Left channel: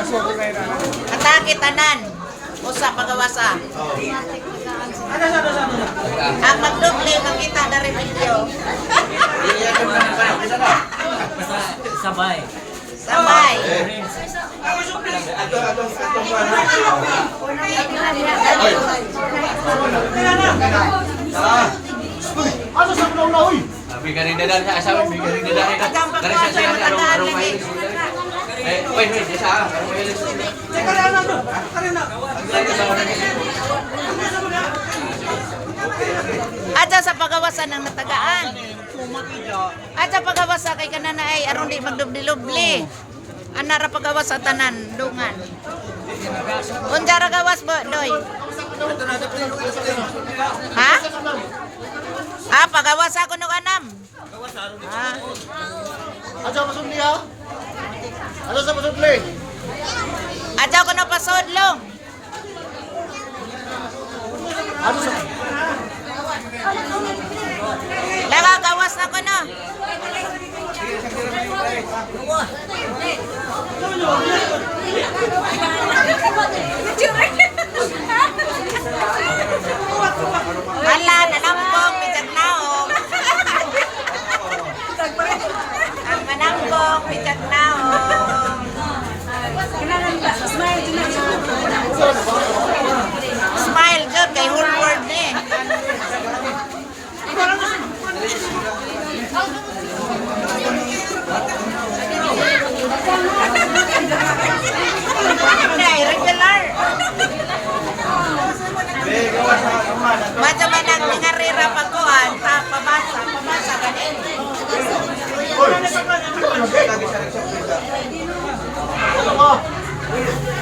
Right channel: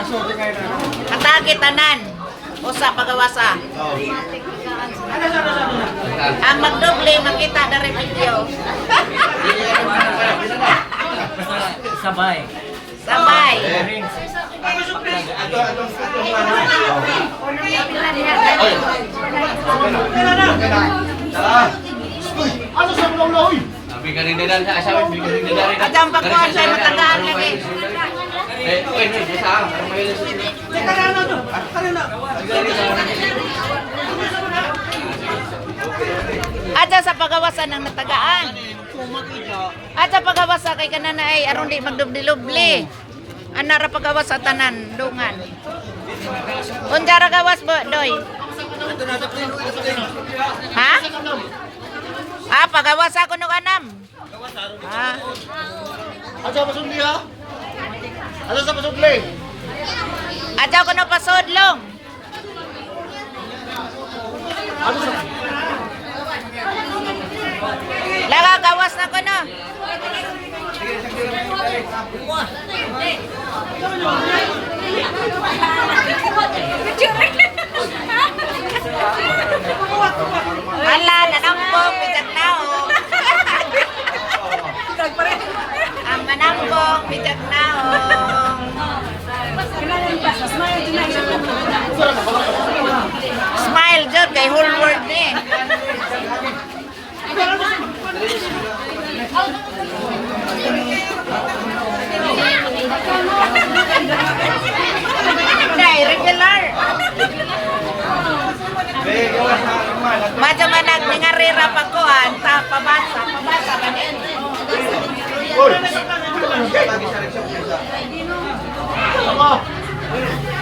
Atake tanan. Usa pagawasa. Ang magdoble makita dari video. Sabay. Sabay. Ano sa mga ulo? Bigarin na dari sa asawa, bigarin na dari. At ang pagkasa mo tagaan lagi. Wait, sa. Aja sa pagawasan ng natagaan. Aja pagawasa kay kanana ay aron di magdubli-lubli. Anara pagawas sa tanan dungan. Unjara gawas bo doy. Ha? Ah, pagawas ako no kanam. Ah. Aja pasudli ha? Aja sa pasudli? Aja ko no pasodlong. Aja sa... Laga gawas na ko no. Hala, nanampong, bijak naong. Ang nanampong, bijak naong. Smile, Jod, kay whole world eh. Nay, regular. Macam mana ngarira pagkuhan sa pabasa kanin.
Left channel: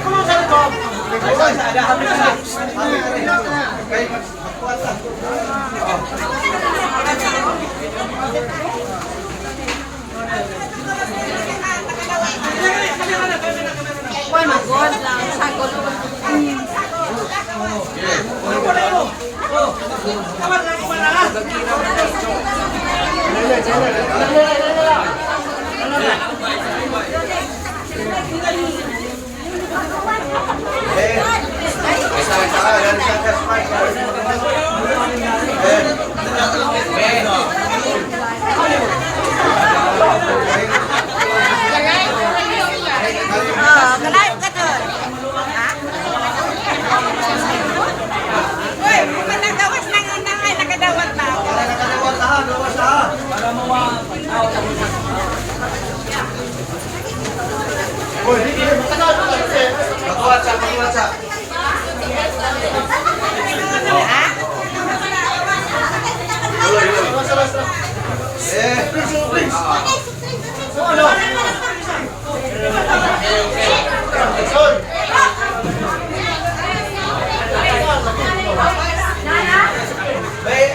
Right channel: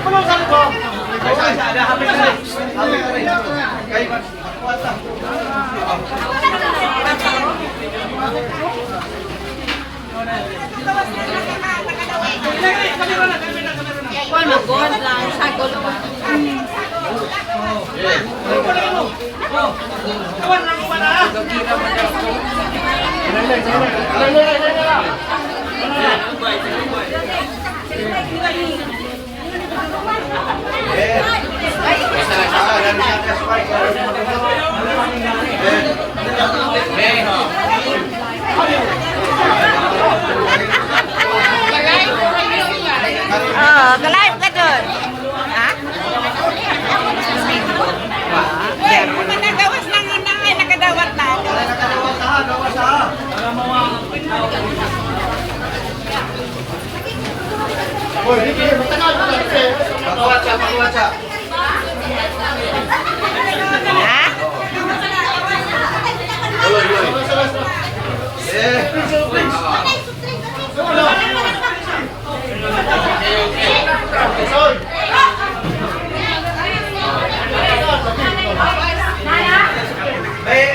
Ano sa ito? Ada habis na. Kuan magod lang sagol ba. Ke-live ka doon? Ha? Uy, kumatagawas ng inangay, nakadawat na. Uy, hindi kayo matagal ko kasi. Pagwatsa. Ha? Sala.